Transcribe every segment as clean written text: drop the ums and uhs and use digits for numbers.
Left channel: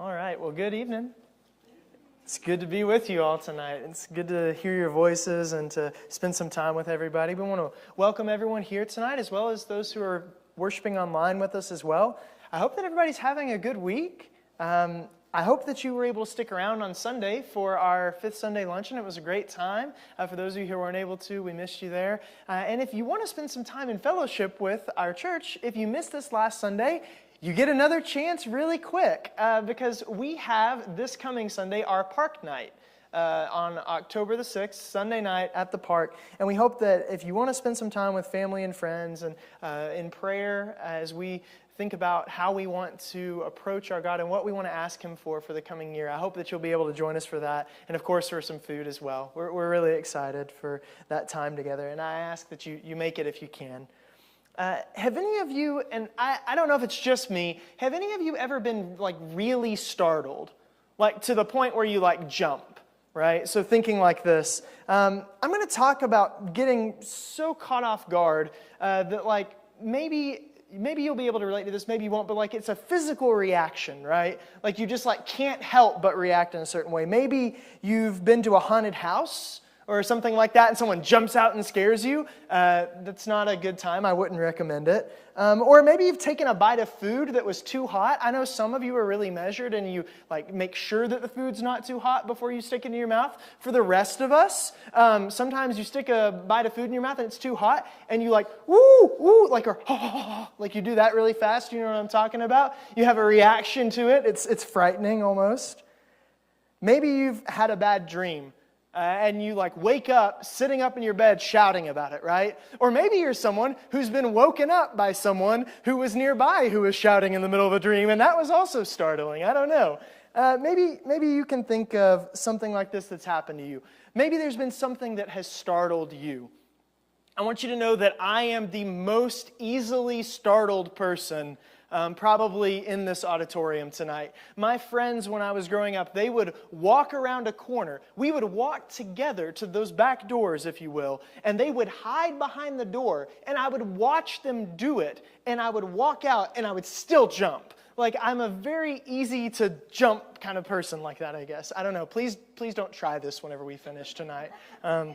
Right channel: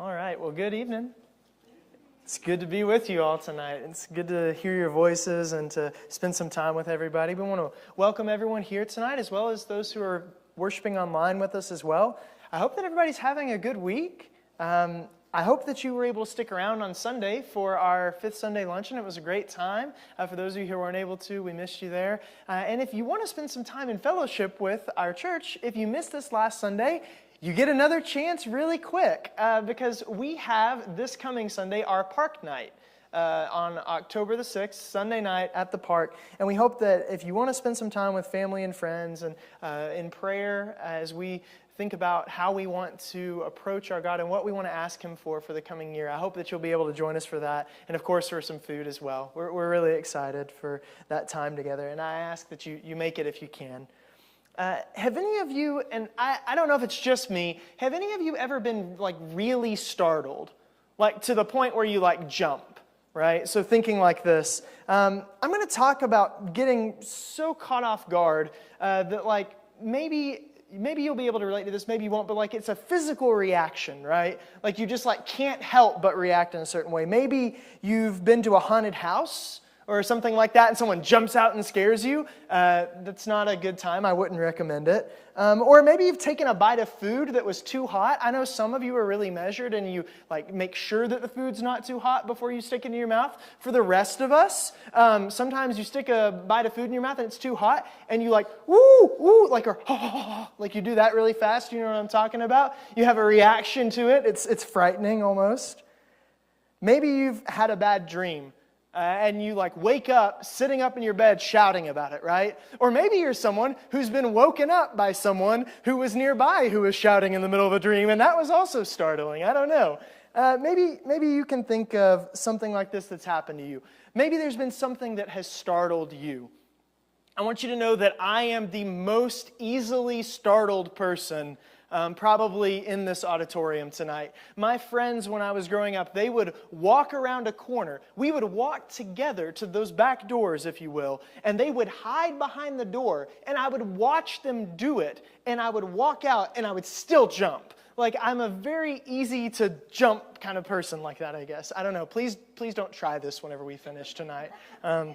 All right, well, good evening. It's good to be with you all tonight. It's good to hear your voices and to spend some time with everybody. We want to welcome everyone here tonight, as well as those who are worshiping online with us as well. I hope that everybody's having a good week. I hope that you were able to stick around on Sunday for our fifth Sunday luncheon. It was a great time. For those of you who weren't able to, we missed you there. And if you want to spend some time in fellowship with our church, if you missed this last Sunday, you get another chance really quick because we have this coming Sunday our park night on October the 6th, Sunday night at the park. And we hope that if you want to spend some time with family and friends and in prayer as we think about how we want to approach our God and what we want to ask Him for the coming year, I hope that you'll be able to join us for that. And of course for some food as well. We're really excited for that time together. And I ask that you make it if you can. Have any of you, and I don't know if it's just me, have any of you ever been like really startled? Like to the point where you like jump, right? So thinking like this, I'm going to talk about getting so caught off guard that like maybe you'll be able to relate to this, maybe you won't, but like it's a physical reaction, right? Like you just like can't help but react in a certain way. Maybe you've been to a haunted house or something like that, and someone jumps out and scares you. That's not a good time. I wouldn't recommend it. Or maybe you've taken a bite of food that was too hot. I know some of you are really measured, and you like make sure that the food's not too hot before you stick it in your mouth. For the rest of us, sometimes you stick a bite of food in your mouth and it's too hot, and you like woo woo like or like you do that really fast. You know what I'm talking about? You have a reaction to it. It's frightening almost. Maybe you've had a bad dream. And you like wake up sitting up in your bed shouting about it, right? Or maybe you're someone who's been woken up by someone who was nearby who was shouting in the middle of a dream, and that was also startling. I don't know. Maybe you can think of something like this that's happened to you. Maybe there's been something that has startled you. I want you to know that I am the most easily startled person probably in this auditorium tonight. My friends, when I was growing up, they would walk around a corner. We would walk together to those back doors, if you will, and they would hide behind the door, and I would watch them do it, and I would walk out, and I would still jump. Like, I'm a very easy to jump kind of person like that, I guess. I don't know. Please don't try this whenever we finish tonight. I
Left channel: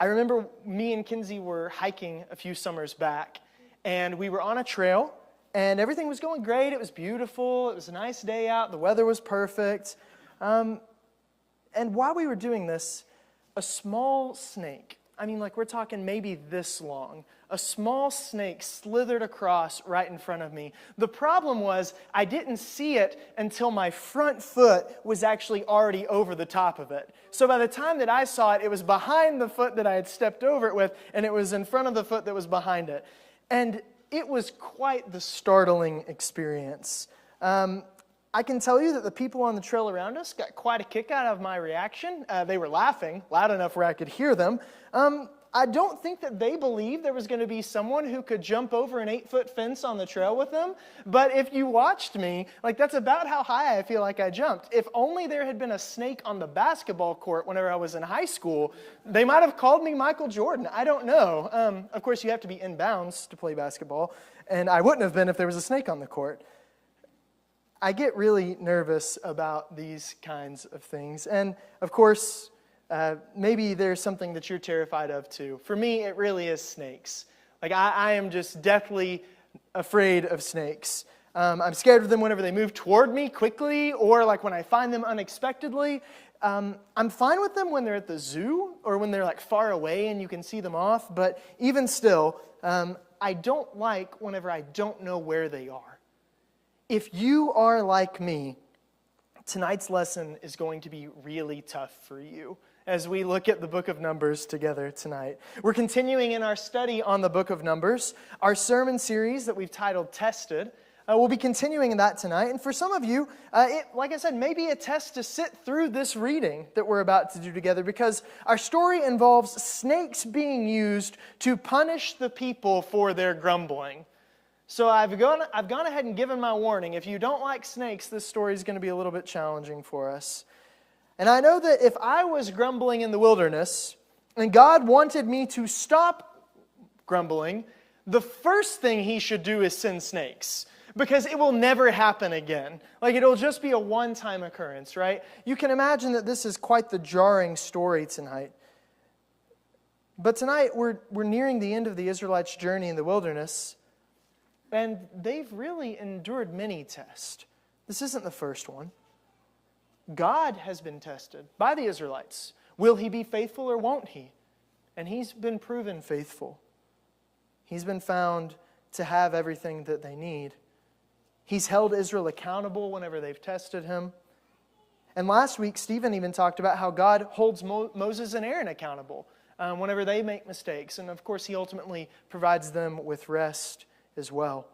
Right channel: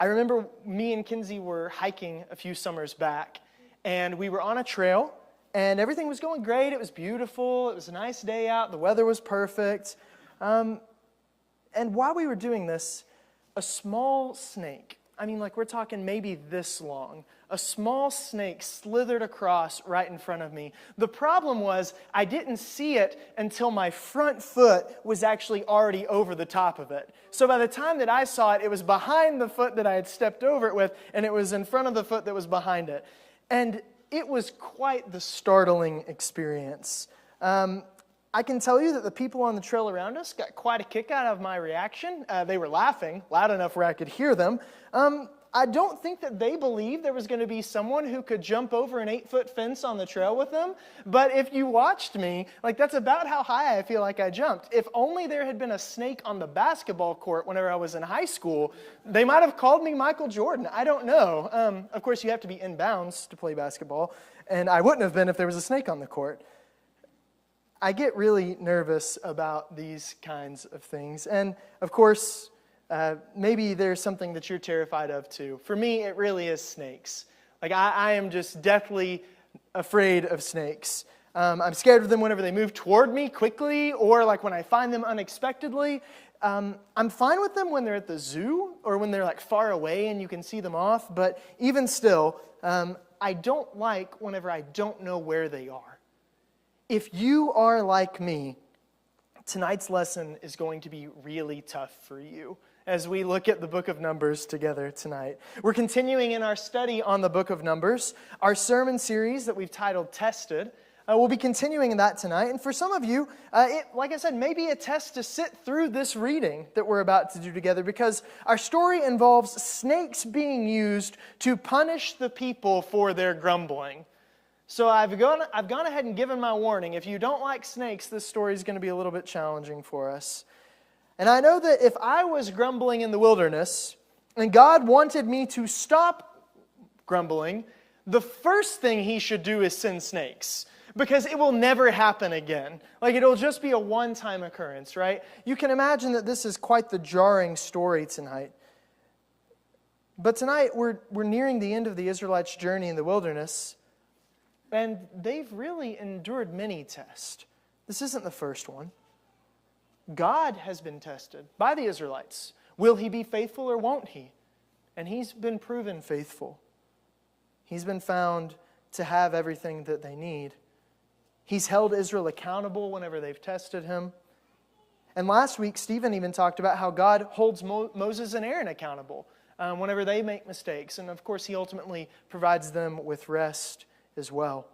remember me and Kinsey were hiking a few summers back, and we were on a trail, and everything was going great. It was beautiful. It was a nice day out. The weather was perfect. And while we were doing this, a small snake, I mean, like we're talking maybe this long, a small snake slithered across right in front of me. The problem was I didn't see it until my front foot was actually already over the top of it. So by the time that I saw it, it was behind the foot that I had stepped over it with, and it was in front of the foot that was behind it. And it was quite the startling experience. I can tell you that the people on the trail around us got quite a kick out of my reaction. They were laughing loud enough where I could hear them. I don't think that they believed there was going to be someone who could jump over an 8-foot fence on the trail with them. But if you watched me, like that's about how high I feel like I jumped. If only there had been a snake on the basketball court whenever I was in high school, they might have called me Michael Jordan. I don't know. Of course, you have to be in bounds to play basketball. And I wouldn't have been if there was a snake on the court. I get really nervous about these kinds of things. And of course, maybe there's something that you're terrified of too. For me, it really is snakes. Like I am just deathly afraid of snakes. I'm scared of them whenever they move toward me quickly, or like when I find them unexpectedly. I'm fine with them when they're at the zoo or when they're like far away and you can see them off. But even still, I don't like whenever I don't know where they are. If you are like me, tonight's lesson is going to be really tough for you as we look at the book of Numbers together tonight. We're continuing in our study on the book of Numbers, our sermon series that we've titled Tested. We'll be continuing that tonight. And for some of you, like I said, may be a test to sit through this reading that we're about to do together, because our story involves snakes being used to punish the people for their grumbling. So I've gone ahead and given my warning. If you don't like snakes, this story is going to be a little bit challenging for us. And I know that if I was grumbling in the wilderness and God wanted me to stop grumbling, the first thing He should do is send snakes. because it will never happen again. Like, it'll just be a one-time occurrence, right? You can imagine that this is quite the jarring story tonight. But tonight, we're nearing the end of the Israelites' journey in the wilderness, and they've really endured many tests. This isn't the first one. God has been tested by the Israelites. Will he be faithful or won't he? And he's been proven faithful. He's been found to have everything that they need. He's held Israel accountable whenever they've tested him. And last week, Stephen even talked about how God holds Moses and Aaron accountable whenever they make mistakes. And of course, he ultimately provides them with rest as well.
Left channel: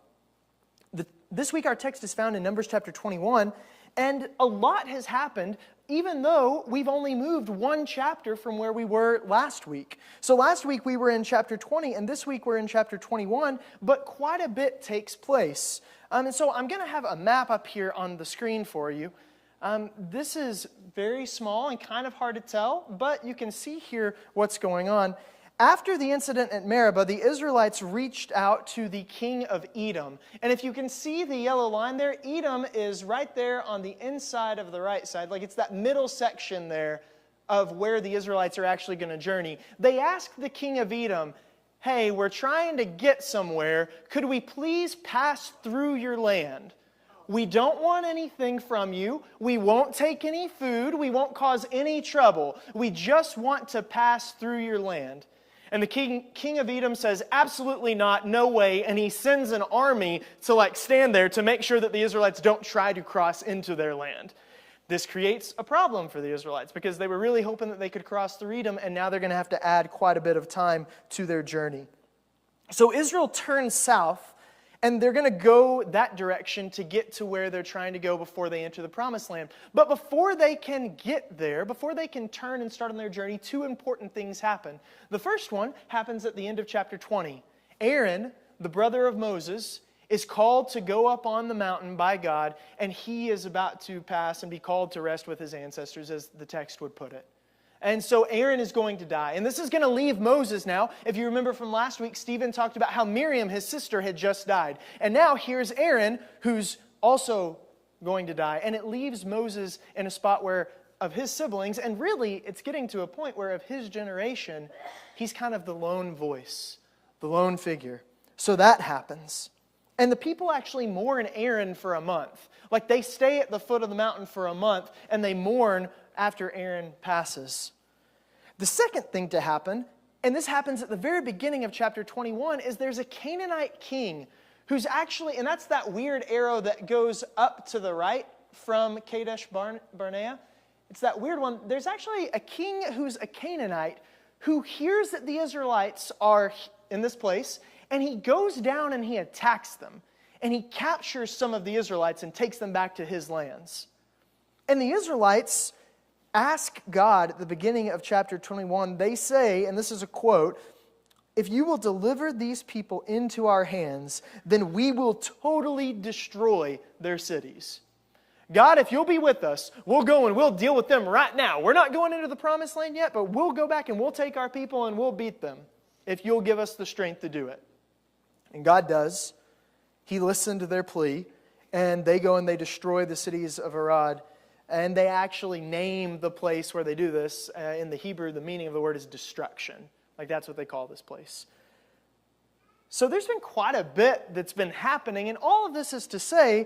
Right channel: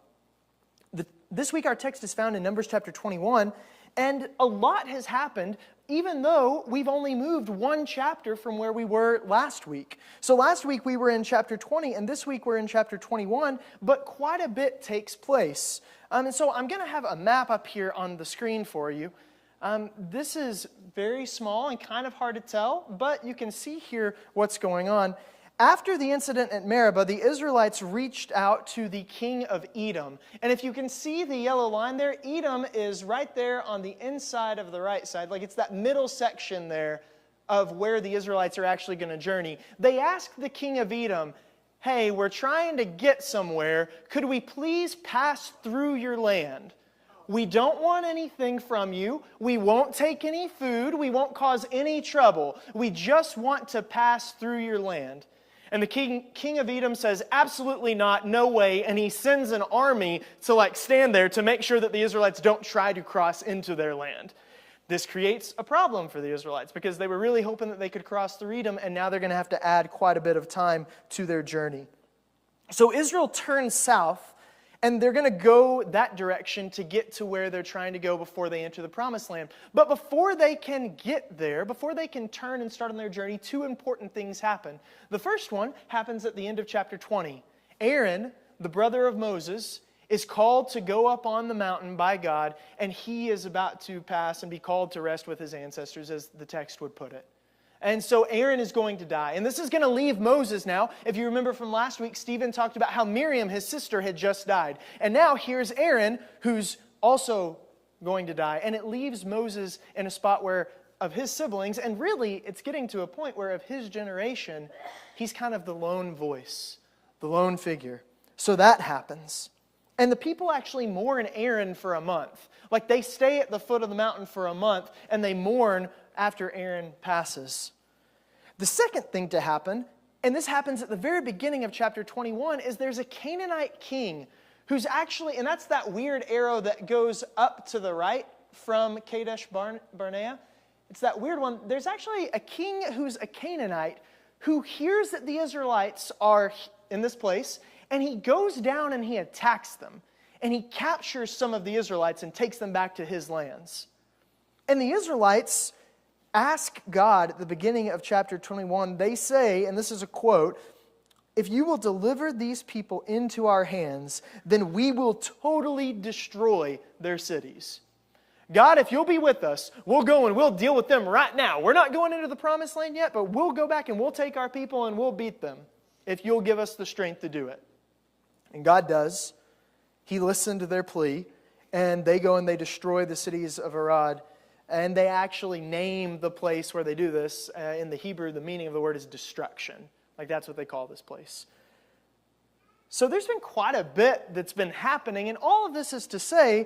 This week, our text is found in Numbers chapter 21. And a lot has happened, even though we've only moved one chapter from where we were last week. So last week we were in chapter 20, and this week we're in chapter 21, but quite a bit takes place. And so I'm going to have a map up here on the screen for you. This is very small and kind of hard to tell, but you can see here what's going on. After the incident at Meribah, the Israelites reached out to the king of Edom. And if you can see the yellow line there, Edom is right there on the inside of the right side. Like, it's that middle section there of where the Israelites are actually going to journey. They asked the king of Edom, hey, we're trying to get somewhere. Could we please pass through your land? We don't want anything from you. We won't take any food. We won't cause any trouble. We just want to pass through your land. And the king of Edom says, absolutely not, no way. And he sends an army to stand there to make sure that the Israelites don't try to cross into their land. This creates a problem for the Israelites because they were really hoping that they could cross through Edom, and now they're going to have to add quite a bit of time to their journey. So Israel turns south, and they're going to go that direction to get to where they're trying to go before they enter the promised land. But before they can get there, before they can turn and start on their journey, two important things happen. The first one happens at the end of chapter 20. Aaron, the brother of Moses, is called to go up on the mountain by God, and he is about to pass and be called to rest with his ancestors, as the text would put it. And so Aaron is going to die. And this is going to leave Moses now. If you remember from last week, Stephen talked about how Miriam, his sister, had just died. And now here's Aaron, who's also going to die. And it leaves Moses in a spot where, of his siblings, and really it's getting to a point where of his generation, he's kind of the lone voice, the lone figure. So that happens. And the people actually mourn Aaron for a month. Like, they stay at the foot of the mountain for a month, and they mourn after Aaron passes. The second thing to happen, and this happens at the very beginning of chapter 21, is there's a Canaanite king who's actually, and that's that weird arrow that goes up to the right from Kadesh Barnea. It's that weird one. There's actually a king who's a Canaanite who hears that the Israelites are in this place, and he goes down and he attacks them. And he captures some of the Israelites and takes them back to his lands. And the Israelites ask God at the beginning of chapter 21, they say, and this is a quote, if you will deliver these people into our hands, then we will totally destroy their cities. God, if you'll be with us, we'll go and we'll deal with them right now. We're not going into the promised land yet, but we'll go back and we'll take our people and we'll beat them if you'll give us the strength to do it. And God does. He listened to their plea, and they go and they destroy the cities of Arad. And they actually name the place where they do this. In the Hebrew, the meaning of the word is destruction. Like, that's what they call this place. So there's been quite a bit that's been happening. And all of this is to say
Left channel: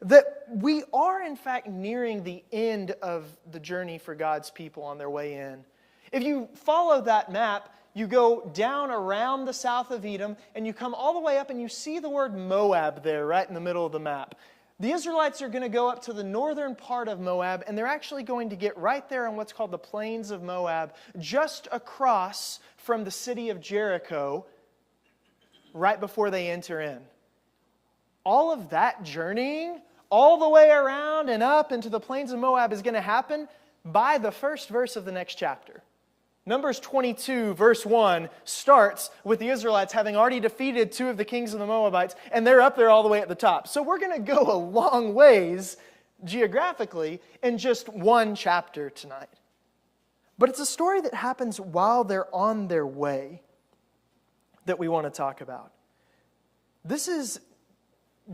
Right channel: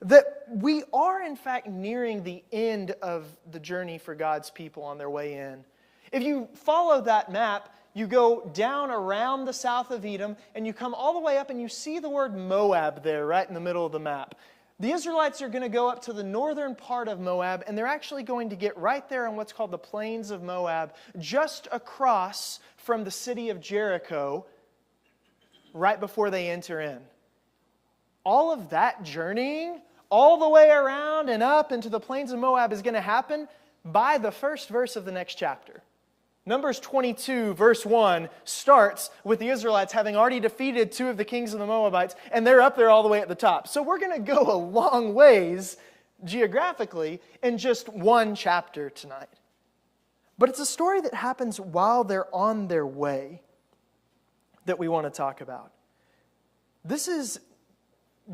that we are, in fact, nearing the end of the journey for God's people on their way in. If you follow that map, you go down around the south of Edom, and you come all the way up, and you see the word Moab there right in the middle of the map. The Israelites are going to go up to the northern part of Moab, and they're actually going to get right there in what's called the plains of Moab, just across from the city of Jericho, right before they enter in. All of that journeying, all the way around and up into the plains of Moab, is going to happen by the first verse of the next chapter. Numbers 22, verse 1, starts with the Israelites having already defeated two of the kings of the Moabites, and they're up there all the way at the top. So we're going to go a long ways geographically in just one chapter tonight. But it's a story that happens while they're on their way that we want to talk about. This is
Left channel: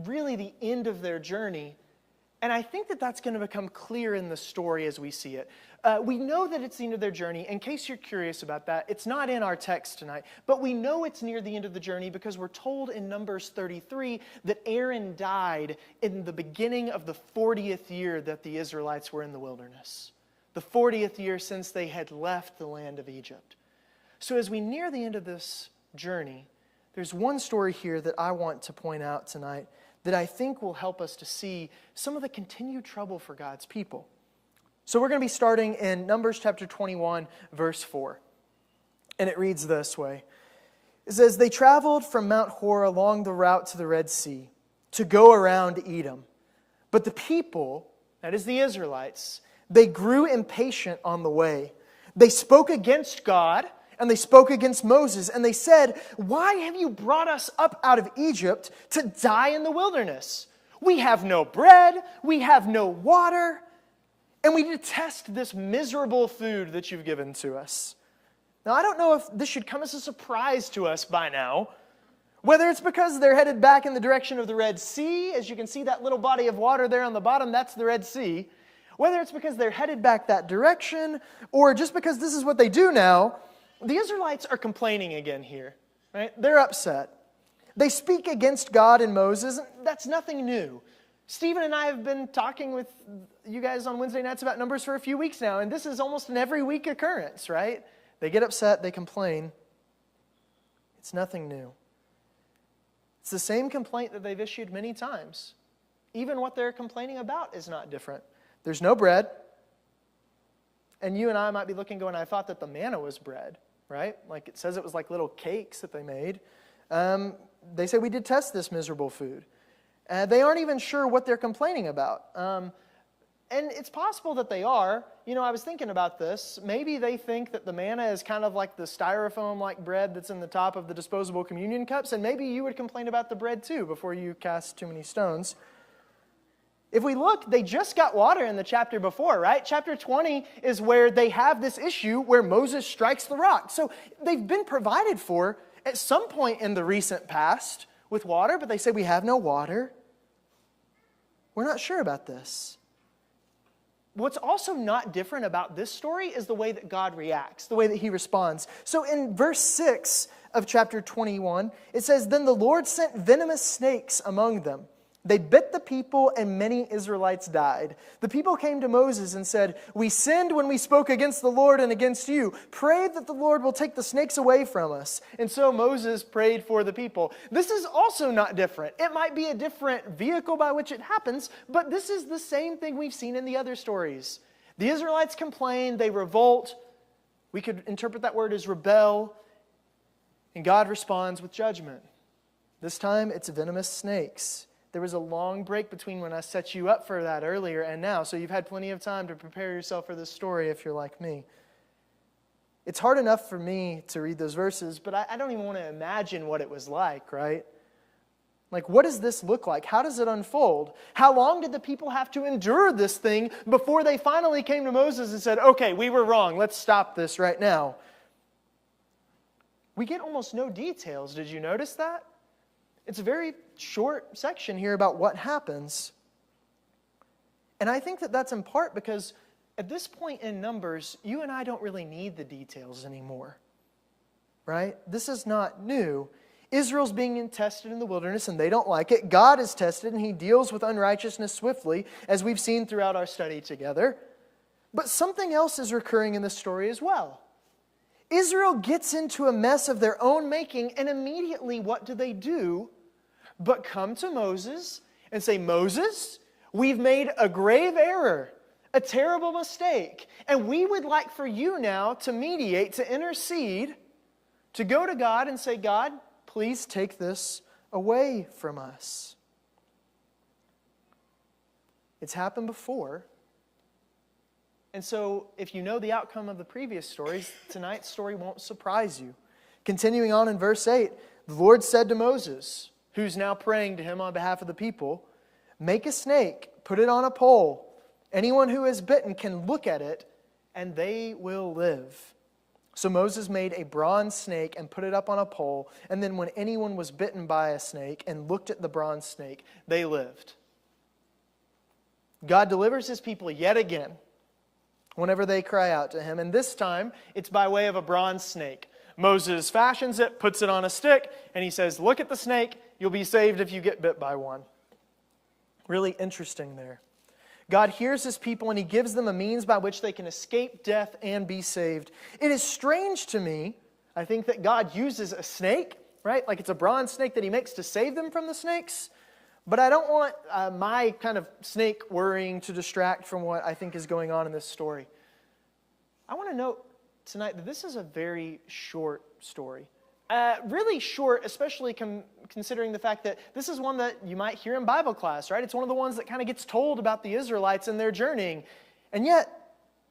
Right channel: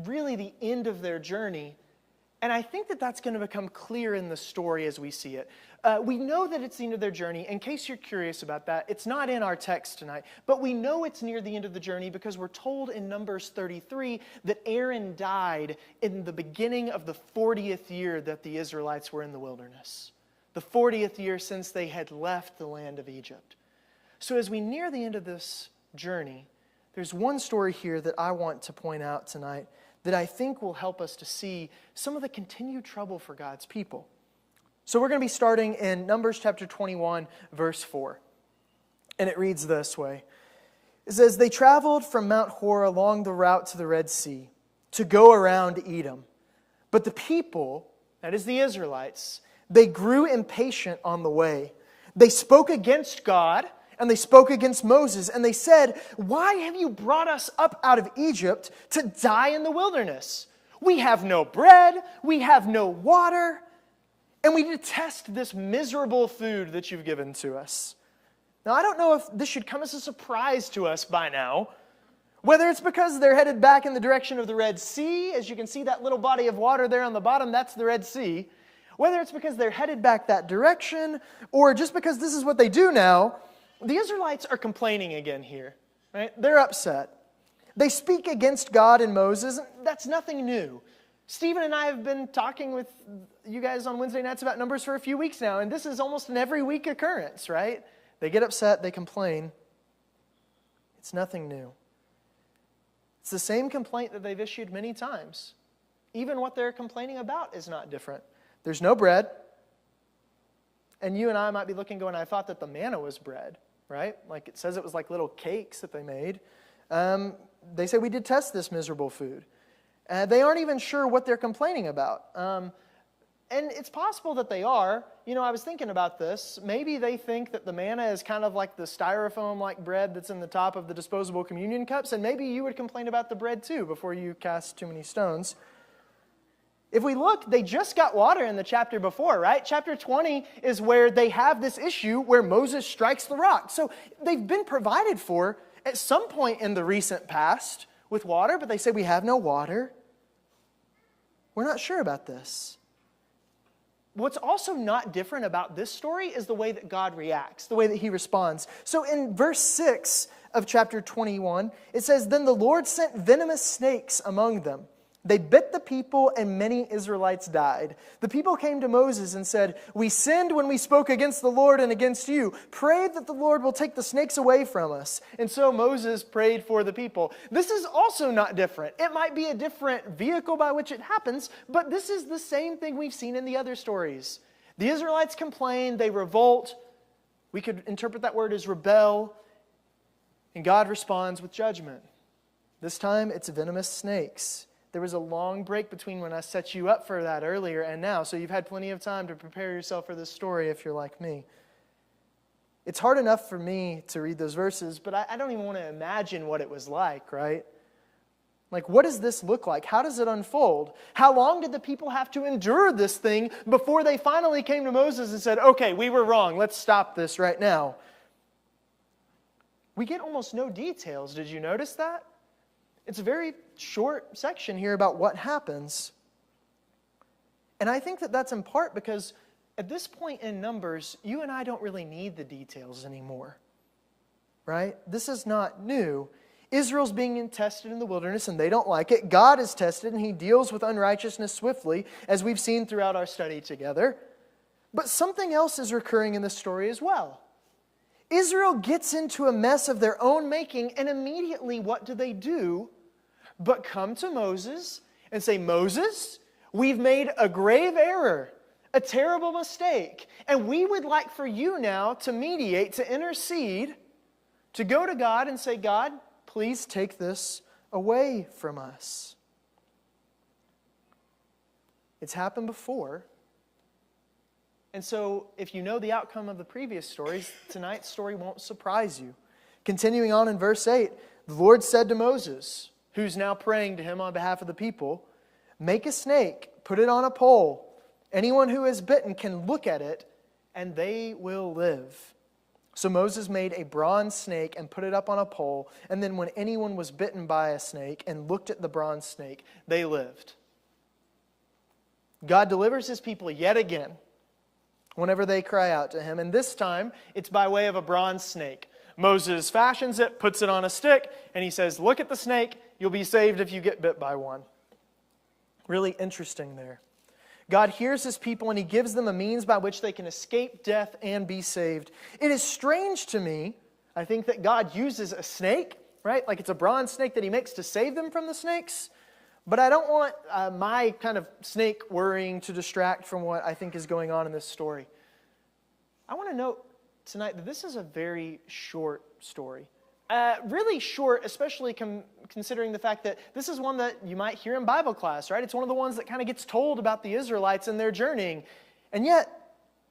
really the end of their journey. And I think that that's going to become clear in the story as we see it. We know that it's the end of their journey. In case you're curious about that, it's not in our text tonight, but we know it's near the end of the journey because we're told in Numbers 33 that Aaron died in the beginning of the 40th year that the Israelites were in the wilderness. The 40th year since they had left the land of Egypt. So as we near the end of this journey, there's one story here that I want to point out tonight that I think will help us to see some of the continued trouble for God's people. So we're going to be starting in Numbers chapter 21, verse 4. And it reads this way. It says, "They traveled from Mount Hor along the route to the Red Sea to go around Edom. But the people, that is the Israelites, they grew impatient on the way. They spoke against God, and they spoke against Moses, and they said, 'Why have you brought us up out of Egypt to die in the wilderness? We have no bread, we have no water, and we detest this miserable food that you've given to us.'" Now, I don't know if this should come as a surprise to us by now. Whether it's because they're headed back in the direction of the Red Sea, as you can see that little body of water there on the bottom, that's the Red Sea. Whether it's because they're headed back that direction, or just because this is what they do now, the Israelites are complaining again here, right? They're upset. They speak against God and Moses. That's nothing new. Stephen and I have been talking with you guys on Wednesday nights about Numbers for a few weeks now, and this is almost an every week occurrence, right? They get upset, they complain. It's nothing new. It's the same complaint that they've issued many times. Even what they're complaining about is not different. There's no bread. And you and I might be looking going, I thought that the manna was bread, right? Like it says it was like little cakes that they made. They say we detest this miserable food. They aren't even sure what they're complaining about. And it's possible that they are. You know, I was thinking about this. Maybe they think that the manna is kind of like the styrofoam-like bread that's in the top of the disposable communion cups. And maybe you would complain about the bread too before you cast too many stones. If we look, they just got water in the chapter before, right? Chapter 20 is where they have this issue where Moses strikes the rock. So they've been provided for at some point in the recent past with water, but they say we have no water. We're not sure about this. What's also not different about this story is the way that God reacts, the way that he responds. So in verse 6 of chapter 21, it says, "Then the Lord sent venomous snakes among them. They bit the people, and many Israelites died. The people came to Moses and said, 'We sinned when we spoke against the Lord and against you. Pray that the Lord will take the snakes away from us.' And so Moses prayed for the people." This is also not different. It might be a different vehicle by which it happens, but this is the same thing we've seen in the other stories. The Israelites complain, they revolt. We could interpret that word as rebel. And God responds with judgment. This time it's venomous snakes. There was a long break between when I set you up for that earlier and now, so you've had plenty of time to prepare yourself for this story if you're like me. It's hard enough for me to read those verses, but I don't even want to imagine what it was like, right? Like, what does this look like? How does it unfold? How long did the people have to endure this thing before they finally came to Moses and said, "Okay, we were wrong. Let's stop this right now"? We get almost no details. Did you notice that? It's a very short section here about what happens. And I think that that's in part because at this point in Numbers, you and I don't really need the details anymore. Right? This is not new. Israel's being tested in the wilderness and they don't like it. God is tested and he deals with unrighteousness swiftly, as we've seen throughout our study together. But something else is recurring in this story as well. Israel gets into a mess of their own making, and immediately what do? But come to Moses and say, "Moses, we've made a grave error, a terrible mistake, and we would like for you now to mediate, to intercede, to go to God and say, 'God, please take this away from us.'" It's happened before. And so if you know the outcome of the previous stories, tonight's story won't surprise you. Continuing on in verse 8, the Lord said to Moses, who's now praying to him on behalf of the people, "Make a snake, put it on a pole. Anyone who is bitten can look at it, and they will live." So Moses made a bronze snake and put it up on a pole, and then when anyone was bitten by a snake and looked at the bronze snake, they lived. God delivers his people yet again whenever they cry out to him, and this time it's by way of a bronze snake. Moses fashions it, puts it on a stick, and he says, look at the snake, you'll be saved if you get bit by one. Really interesting there. God hears his people and he gives them a means by which they can escape death and be saved. It is strange to me, I think, that God uses a snake, right? Like it's a bronze snake that he makes to save them from the snakes. But I don't want my kind of snake worrying to distract from what I think is going on in this story. I want to note tonight that this is a very short story. Really short, especially considering the fact that this is one that you might hear in Bible class, right? It's one of the ones that kind of gets told about the Israelites and their journeying. And yet,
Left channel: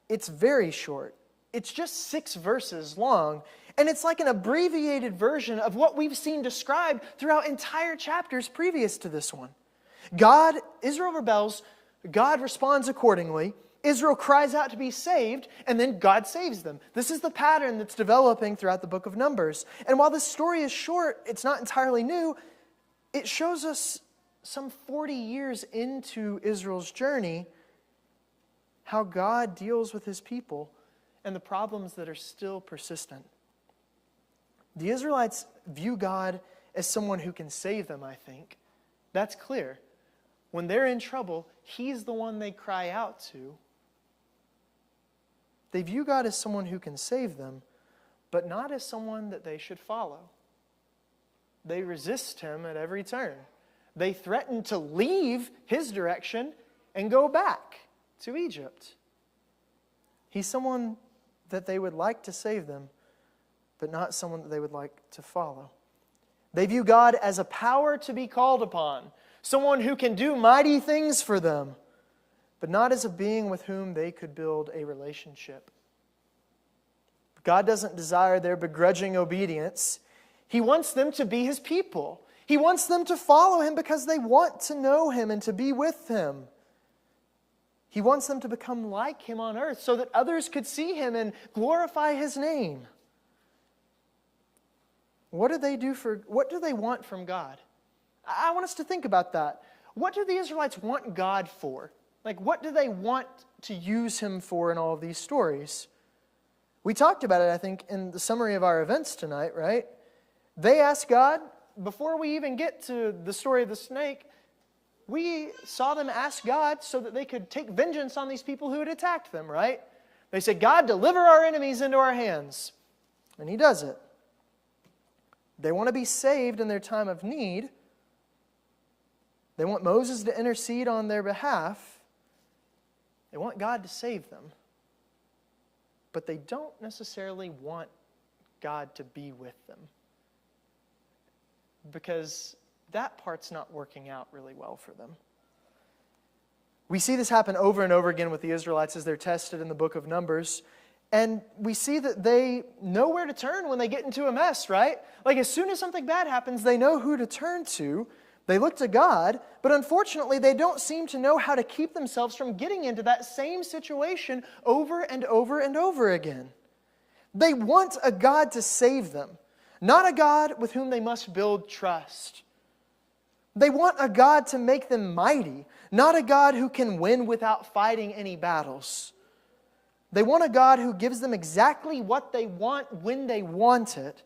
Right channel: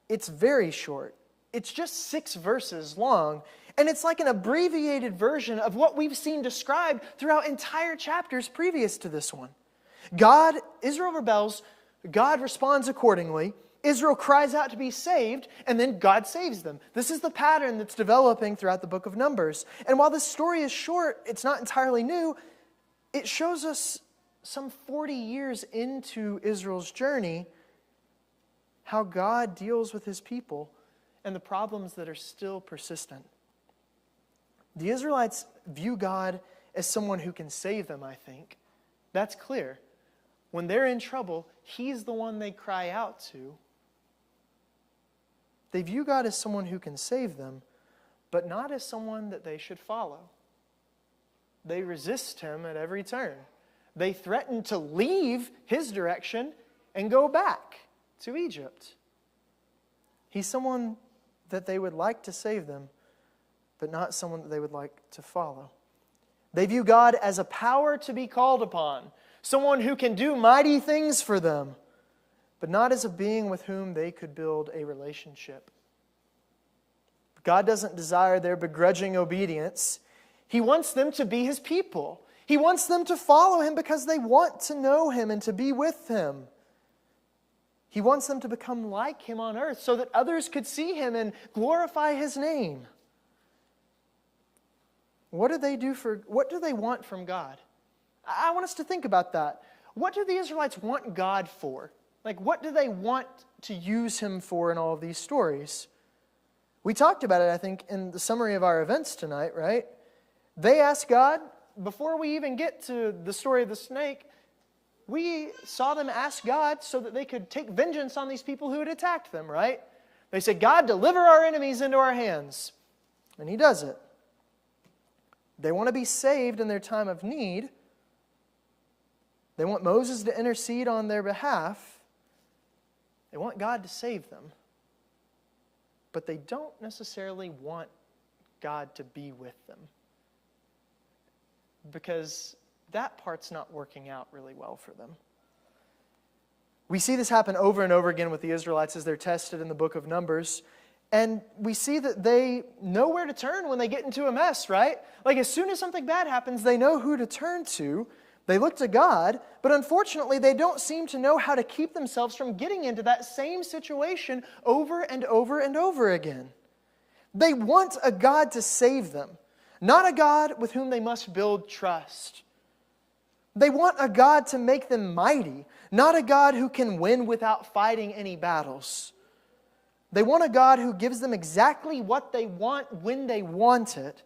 it's very short. It's just 6 verses long. And it's like an abbreviated version of what we've seen described throughout entire chapters previous to this one. Israel rebels, God responds accordingly. Israel cries out to be saved, and then God saves them. This is the pattern that's developing throughout the book of Numbers. And while this story is short, it's not entirely new. It shows us some 40 years into Israel's journey how God deals with his people and the problems that are still persistent. The Israelites view God as someone who can save them, I think. That's clear. When they're in trouble, he's the one they cry out to. They view God as someone who can save them, but not as someone that they should follow. They resist him at every turn. They threaten to leave his direction and go back to Egypt. He's someone that they would like to save them, but not someone that they would like to follow. They view God as a power to be called upon, someone who can do mighty things for them, but not as a being with whom they could build a relationship. God doesn't desire their begrudging obedience. He wants them to be his people. He wants them to follow him because they want to know him and to be with him. He wants them to become like him on earth so that others could see him and glorify his name. What do they want from God? I want us to think about that. What do the Israelites want God for? Like, what do they want to use him for in all of these stories? We talked about it, I think, in the summary of our events tonight, right? They asked God, before we even get to the story of the snake, we saw them ask God so that they could take vengeance on these people who had attacked them, right? They said, God, deliver our enemies into our hands. And he does it. They want to be saved in their time of need. They want Moses to intercede on their behalf. They want God to save them. But they don't necessarily want God to be with them, because that part's not working out really well for them. We see this happen over and over again with the Israelites as they're tested in the book of Numbers. And we see that they know where to turn when they get into a mess, right? Like as soon as something bad happens, they know who to turn to. They look to God, but unfortunately they don't seem to know how to keep themselves from getting into that same situation over and over and over again. They want a God to save them, not a God with whom they must build trust. They want a God to make them mighty, not a God who can win without fighting any battles. They want a God who gives them exactly what they want when they want it,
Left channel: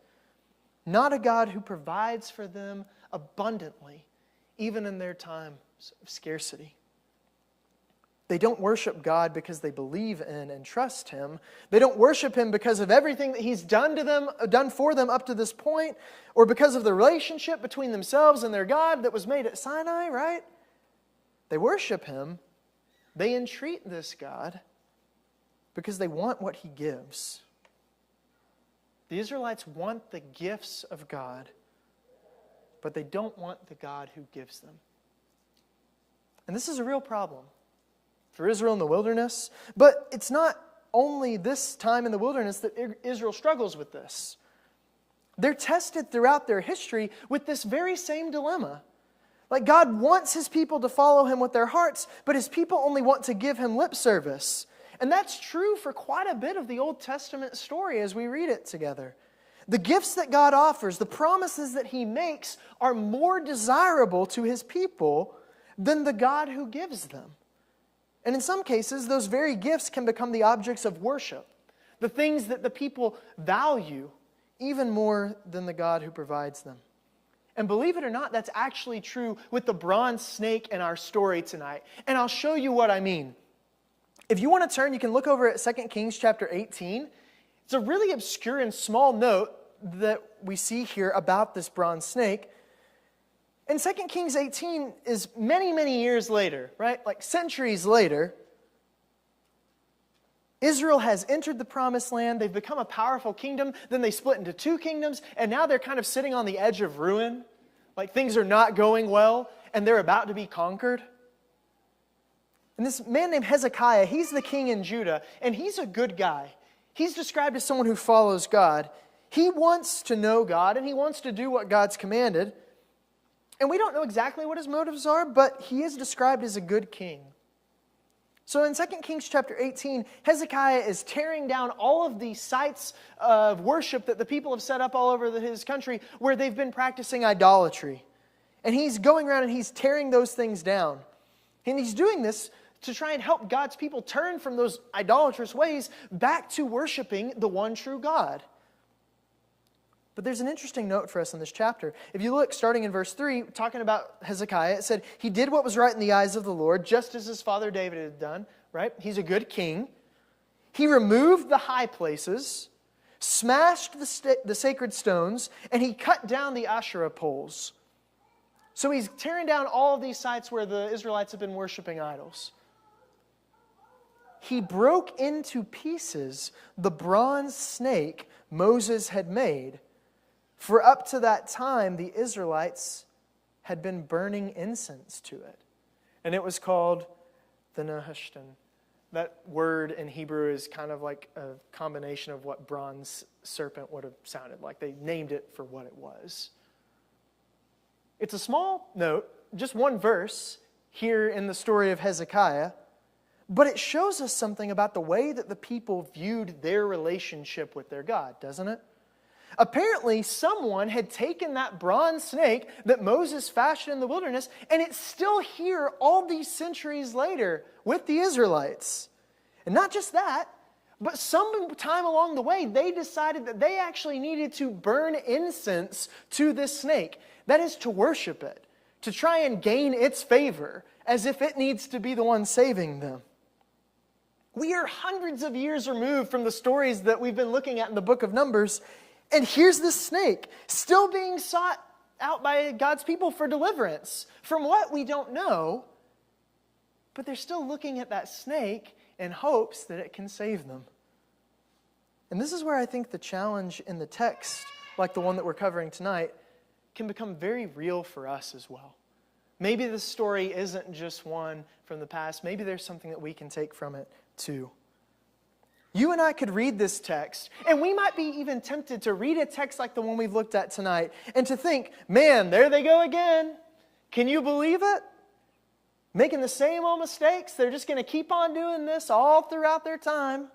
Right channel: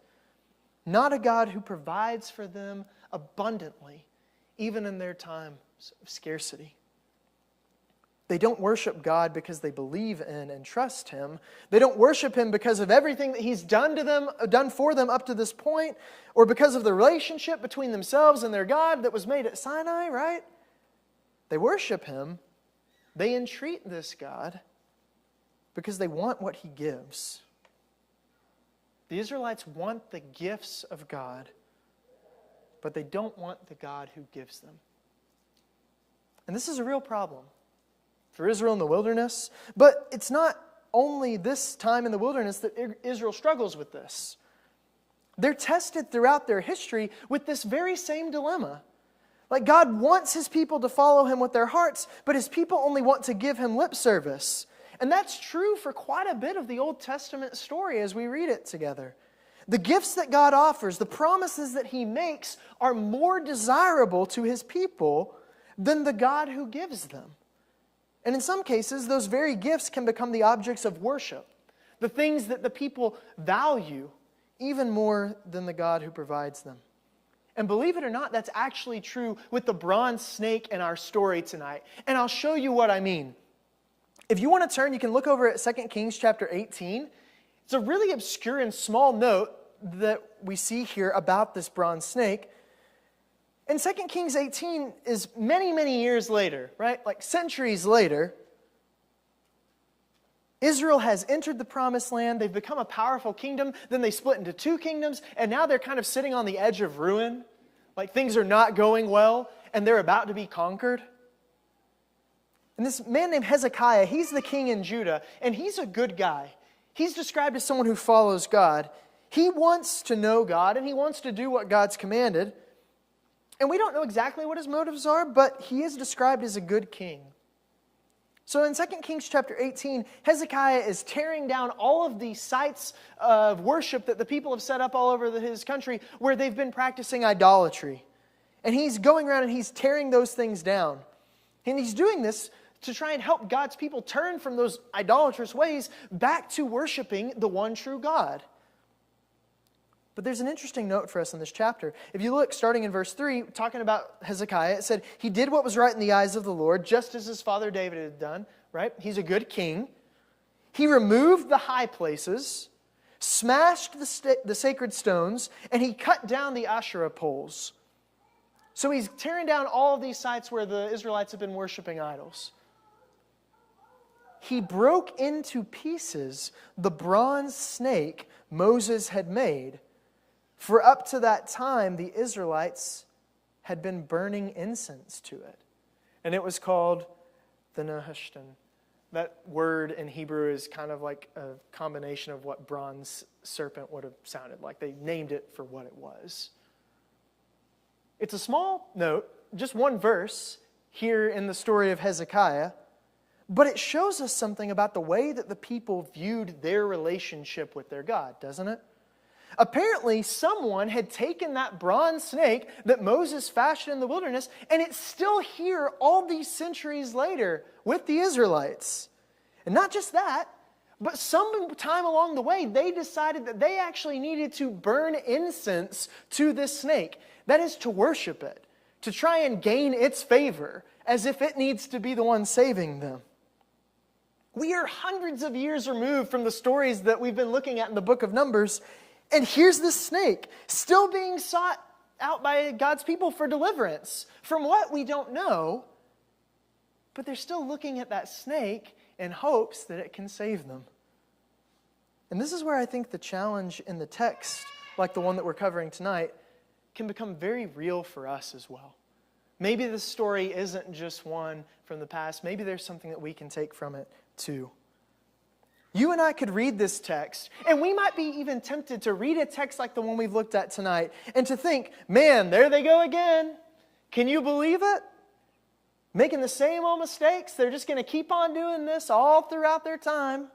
not a God who provides for them abundantly, even in their times of scarcity. They don't worship God because they believe in and trust him. They don't worship him because of everything that he's done for them up to this point, or because of the relationship between themselves and their God that was made at Sinai, right? They worship him. They entreat this God because they want what he gives. The Israelites want the gifts of God, but they don't want the God who gives them. And this is a real problem for Israel in the wilderness. But it's not only this time in the wilderness that Israel struggles with this. They're tested throughout their history with this very same dilemma. Like God wants his people to follow him with their hearts, but his people only want to give him lip service. And that's true for quite a bit of the Old Testament story as we read it together. The gifts that God offers, the promises that he makes, are more desirable to his people than the God who gives them. And in some cases, those very gifts can become the objects of worship, the things that the people value even more than the God who provides them. And believe it or not, that's actually true with the bronze snake in our story tonight. And I'll show you what I mean. If you want to turn, you can look over at 2 Kings chapter 18. It's a really obscure and small note that we see here about this bronze snake. And 2 Kings 18 is many, many years later, right? Like centuries later. Israel has entered the promised land. They've become a powerful kingdom. Then they split into two kingdoms. And now they're kind of sitting on the edge of ruin. Like things are not going well. And they're about to be conquered. And this man named Hezekiah, he's the king in Judah. And he's a good guy. He's described as someone who follows God. He wants to know God. And he wants to do what God's commanded. And we don't know exactly what his motives are. But he is described as a good king. So in 2 Kings chapter 18, Hezekiah is tearing down all of these sites of worship that the people have set up all over his country where they've been practicing idolatry. And he's going around and he's tearing those things down. And he's doing this to try and help God's people turn from those idolatrous ways back to worshiping the one true God. But there's an interesting note for us in this chapter. If you look, starting in verse 3, talking about Hezekiah, it said, he did what was right in the eyes of the Lord, just as his father David had done, right? He's a good king. He removed the high places, smashed the sacred stones, and he cut down the Asherah poles. So he's tearing down all of these sites where the Israelites have been worshiping idols. He broke into pieces the bronze snake Moses had made. For up to that time, the Israelites had been burning incense to it. And it was called the Nehushtan. That word in Hebrew is kind of like a combination of what bronze serpent would have sounded like. They named it for what it was. It's a small note, just one verse here in the story of Hezekiah. But it shows us something about the way that the people viewed their relationship with their God, doesn't it? Apparently, someone had taken that bronze snake that Moses fashioned in the wilderness, and it's still here all these centuries later with the Israelites. And not just that, but sometime along the way, they decided that they actually needed to burn incense to this snake. That is, to worship it, to try and gain its favor, as if it needs to be the one saving them. We are hundreds of years removed from the stories that we've been looking at in the book of Numbers. And here's this snake, still being sought out by God's people for deliverance. From what we don't know, but they're still looking at that snake in hopes that it can save them. And this is where I think the challenge in the text, like the one that we're covering tonight, can become very real for us as well. Maybe this story isn't just one from the past. Maybe there's something that we can take from it too. You and I could read this text, and we might be even tempted to read a text like the one we've looked at tonight, and to think, man, there they go again. Can you believe it? Making the same old mistakes. They're just going to keep on doing this all throughout their time.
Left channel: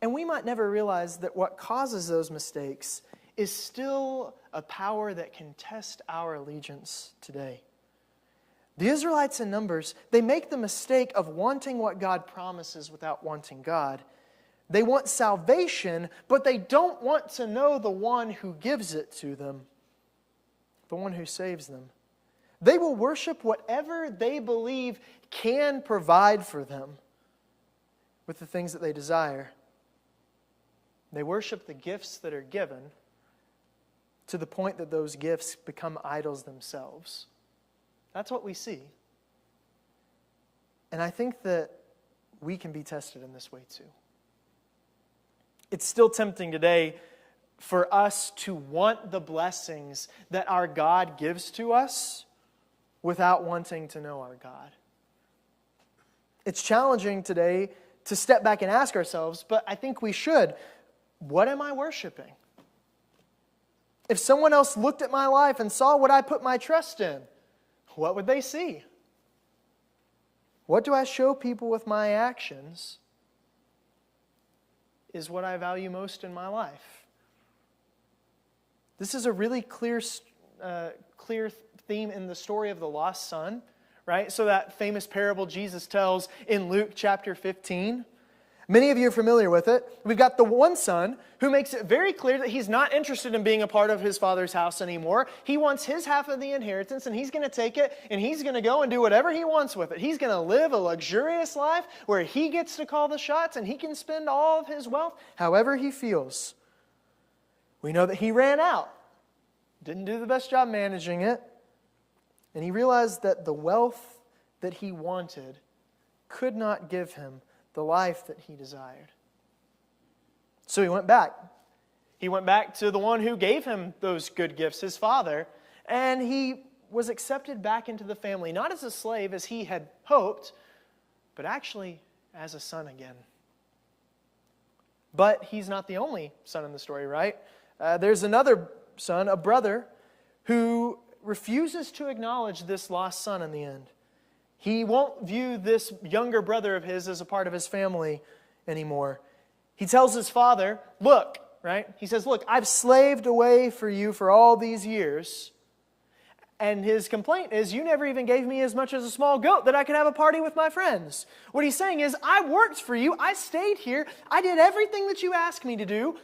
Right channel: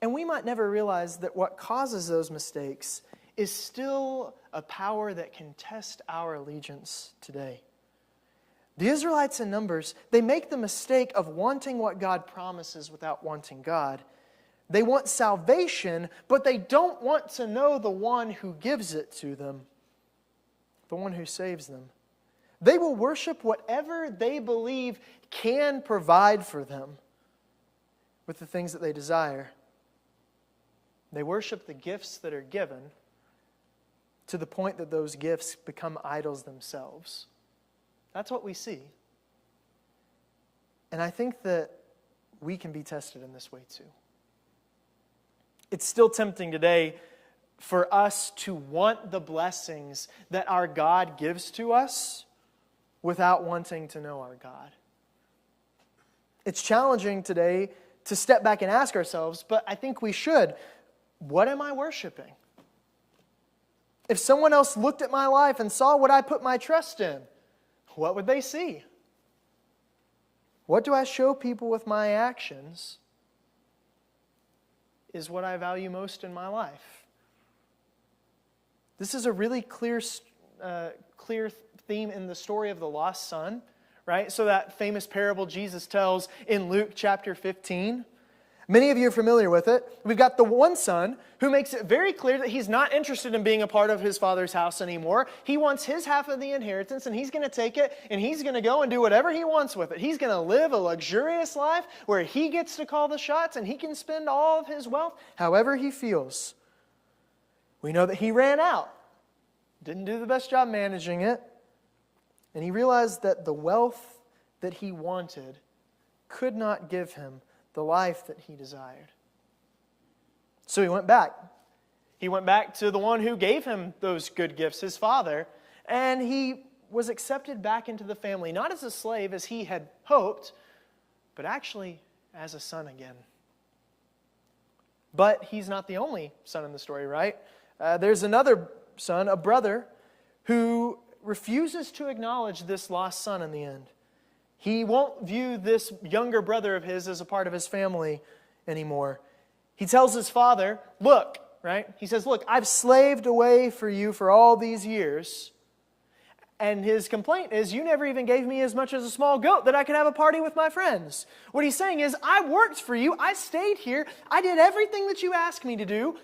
And we might never realize that what causes those mistakes is still a power that can test our allegiance today. The Israelites in Numbers, they make the mistake of wanting what God promises without wanting God. They want salvation, but they don't want to know the one who gives it to them, the one who saves them. They will worship whatever they believe can provide for them with the things that they desire. They worship the gifts that are given to the point that those gifts become idols themselves. That's what we see. And I think that we can be tested in this way too. It's still tempting today for us to want the blessings that our God gives to us without wanting to know our God. It's challenging today to step back and ask ourselves, but I think we should, what am I worshiping? If someone else looked at my life and saw what I put my trust in, what would they see? What do I show people with my actions is what I value most in my life. This is a really clear theme in the story of the lost son, right? So that famous parable Jesus tells in Luke chapter 15. Many of you are familiar with it. We've got the one son who makes it very clear that he's not interested in being a part of his father's house anymore. He wants his half of the inheritance, and he's going to take it, and he's going to go and do whatever he wants with it. He's going to live a luxurious life where he gets to call the shots, and he can spend all of his wealth however he feels. We know that he ran out, didn't do the best job managing it, and he realized that the wealth that he wanted could not give him the life that he desired. So he went back. He went back to the one who gave him those good gifts, his father, and he was accepted back into the family, not as a slave as he had hoped, but actually as a son again. But he's not the only son in the story, right? There's another son, a brother, who refuses to acknowledge this lost son in the end. He won't view this younger brother of his as a part of his family anymore. He tells his father, look, right? He says, look, I've slaved away for you for all these years. And his complaint is, you never even gave me as much as a small goat that I could have a party with my friends. What he's saying is, I worked for you. I stayed here. I did everything that you asked me to do.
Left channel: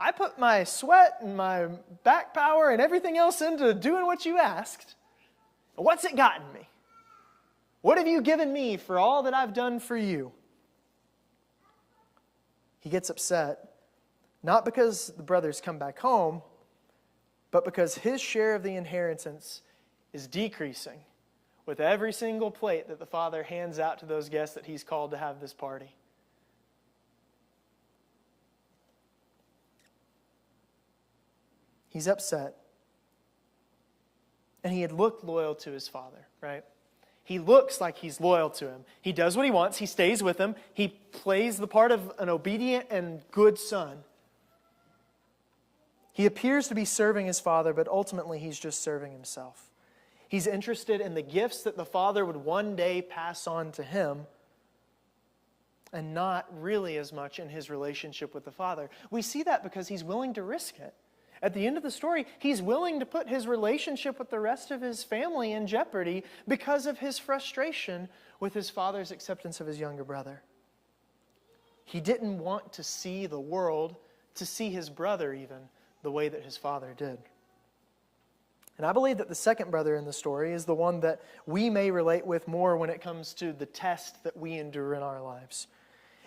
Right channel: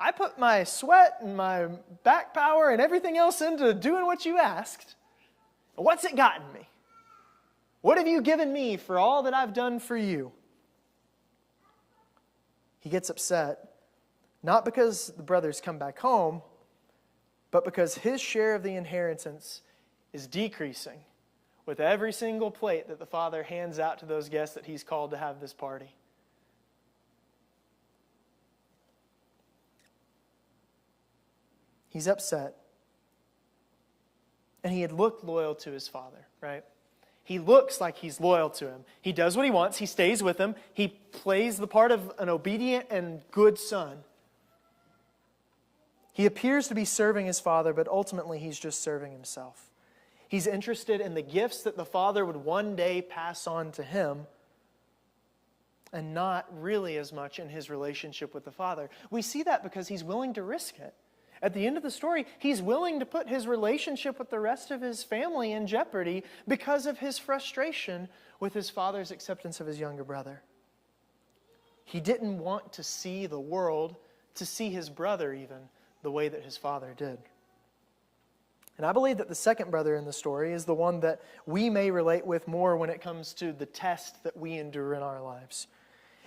I put my sweat and my back power and everything else into doing what you asked. What's it gotten me? What have you given me for all that I've done for you? He gets upset, not because the brothers come back home, but because his share of the inheritance is decreasing with every single plate that the father hands out to those guests that he's called to have this party. He's upset. And he had looked loyal to his father, right? He looks like he's loyal to him. He does what he wants. He stays with him. He plays the part of an obedient and good son. He appears to be serving his father, but ultimately he's just serving himself. He's interested in the gifts that the father would one day pass on to him, and not really as much in his relationship with the father. We see that because he's willing to risk it. At the end of the story, he's willing to put his relationship with the rest of his family in jeopardy because of his frustration with his father's acceptance of his younger brother. He didn't want to see the world, to see his brother even, the way that his father did. And I believe that the second brother in the story is the one that we may relate with more when it comes to the test that we endure in our lives.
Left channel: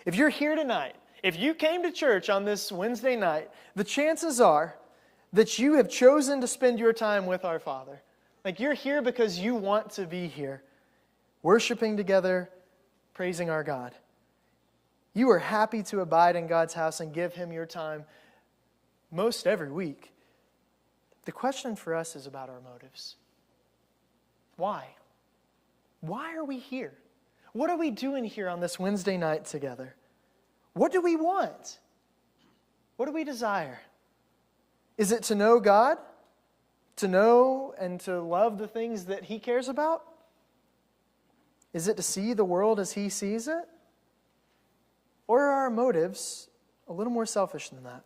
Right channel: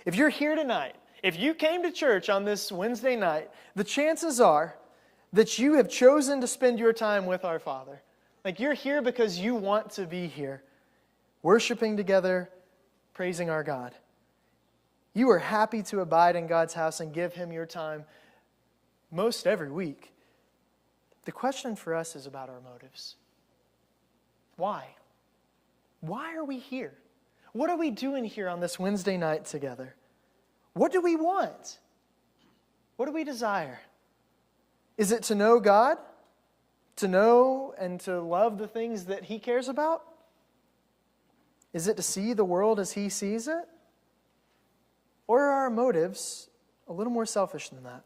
If you're here tonight, if you came to church on this Wednesday night, the chances are that you have chosen to spend your time with our Father. Like you're here because you want to be here, worshiping together, praising our God. You are happy to abide in God's house and give Him your time most every week. The question for us is about our motives. Why? Why are we here? What are we doing here on this Wednesday night together? What do we want? What do we desire? Is it to know God? To know and to love the things that He cares about? Is it to see the world as He sees it? Or are our motives a little more selfish than that?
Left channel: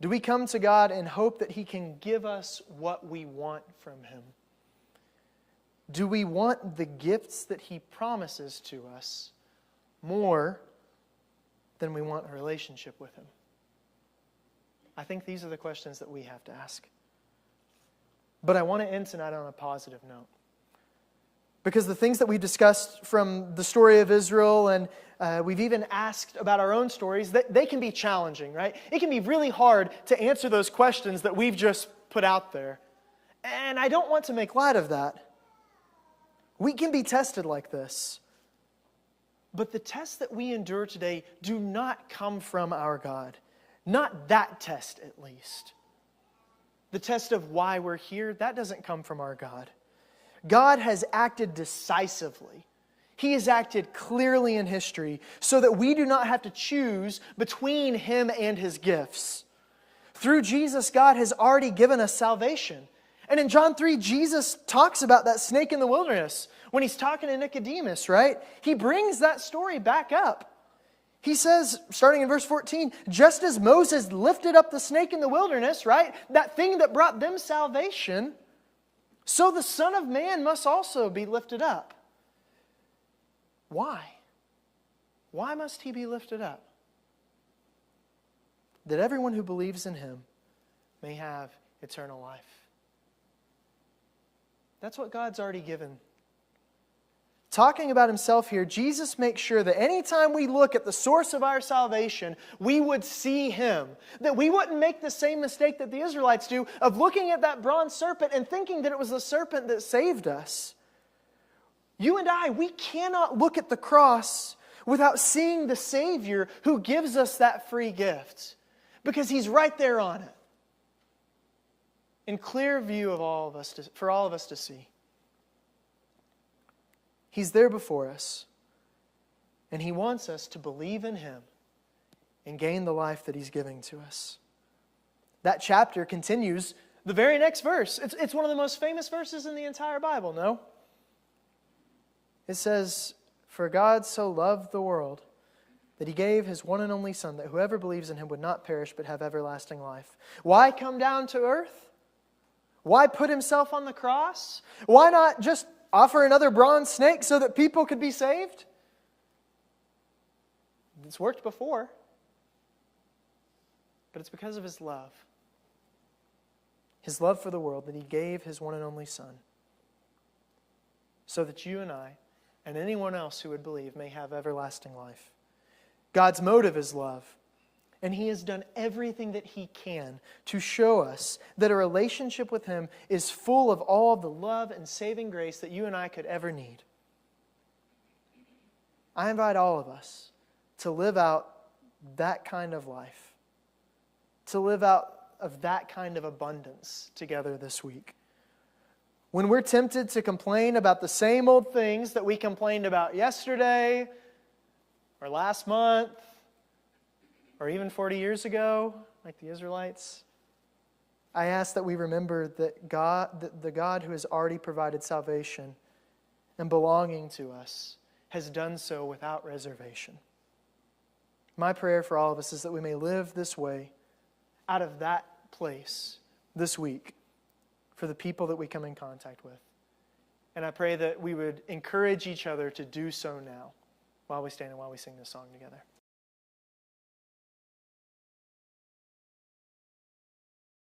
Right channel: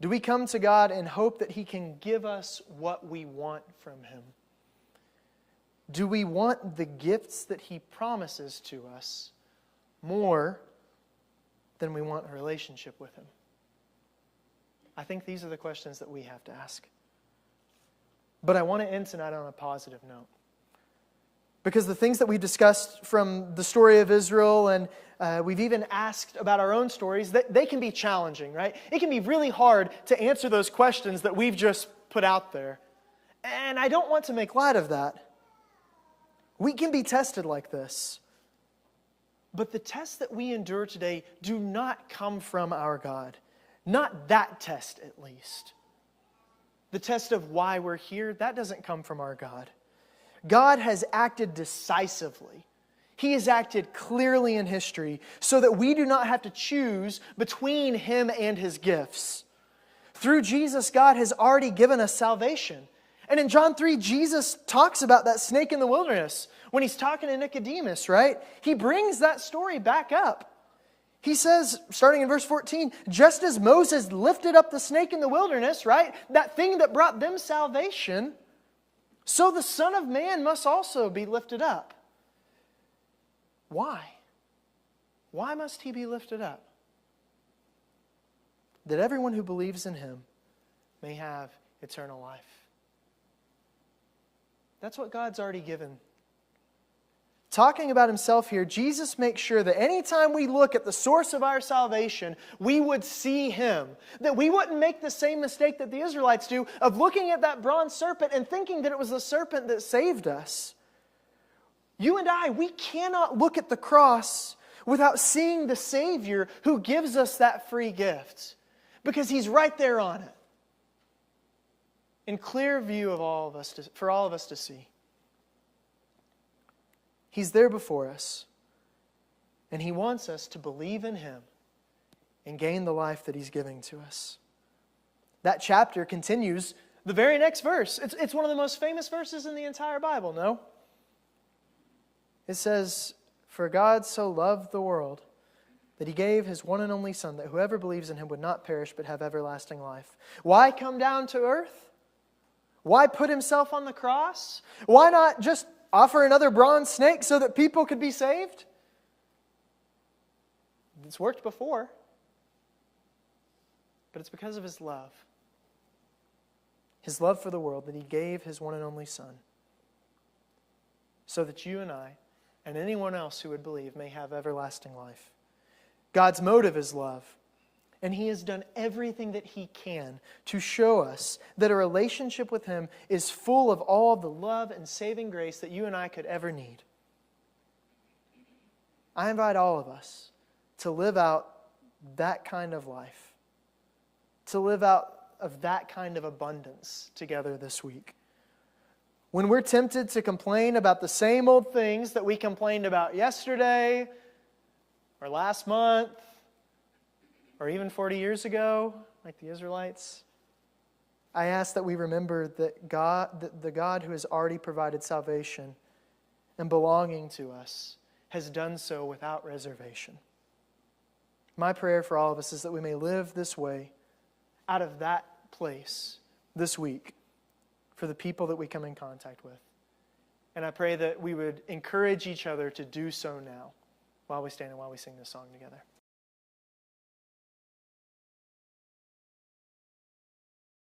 Do we come to God and hope that He can give us what we want from Him? Do we want the gifts that He promises to us more than we want a relationship with Him? I think these are the questions that we have to ask. But I want to end tonight on a positive note. Because the things that we discussed from the story of Israel, and we've even asked about our own stories, they can be challenging, right? It can be really hard to answer those questions that we've just put out there. And I don't want to make light of that. We can be tested like this. But the tests that we endure today do not come from our God. Not that test, at least. The test of why we're here, that doesn't come from our God. God has acted decisively. He has acted clearly in history so that we do not have to choose between Him and His gifts. Through Jesus, God has already given us salvation. And in John 3, Jesus talks about that snake in the wilderness when he's talking to Nicodemus, right? He brings that story back up. He says, starting in verse 14, just as Moses lifted up the snake in the wilderness, right? That thing that brought them salvation, so the Son of Man must also be lifted up. Why? Why must he be lifted up? That everyone who believes in him may have eternal life. That's what God's already given. Talking about himself here, Jesus makes sure that anytime we look at the source of our salvation, we would see him. That we wouldn't make the same mistake that the Israelites do of looking at that bronze serpent and thinking that it was the serpent that saved us. You and I, we cannot look at the cross without seeing the Savior who gives us that free gift. Because he's right there on it. In clear view of all of us, for all of us to see. He's there before us. And he wants us to believe in him and gain the life that he's giving to us. That chapter continues the very next verse. It's one of the most famous verses in the entire Bible, no? It says, for God so loved the world that he gave his one and only Son, that whoever believes in him would not perish but have everlasting life. Why come down to earth? Why put himself on the cross? Why not just offer another bronze snake so that people could be saved? It's worked before. But it's because of his love. His love for the world, that he gave his one and only Son. So that you and I, and anyone else who would believe, may have everlasting life. God's motive is love. And he has done everything that he can to show us that a relationship with him is full of all of the love and saving grace that you and I could ever need. I invite all of us to live out that kind of life. To live out of that kind of abundance together this week. When we're tempted to complain about the same old things that we complained about yesterday, or last month, or even 40 years ago, like the Israelites, I ask that we remember that the God who has already provided salvation and belonging to us has done so without reservation. My prayer for all of us is that we may live this way out of that place this week for the people that we come in contact with. And I pray that we would encourage each other to do so now while we stand and while we sing this song together.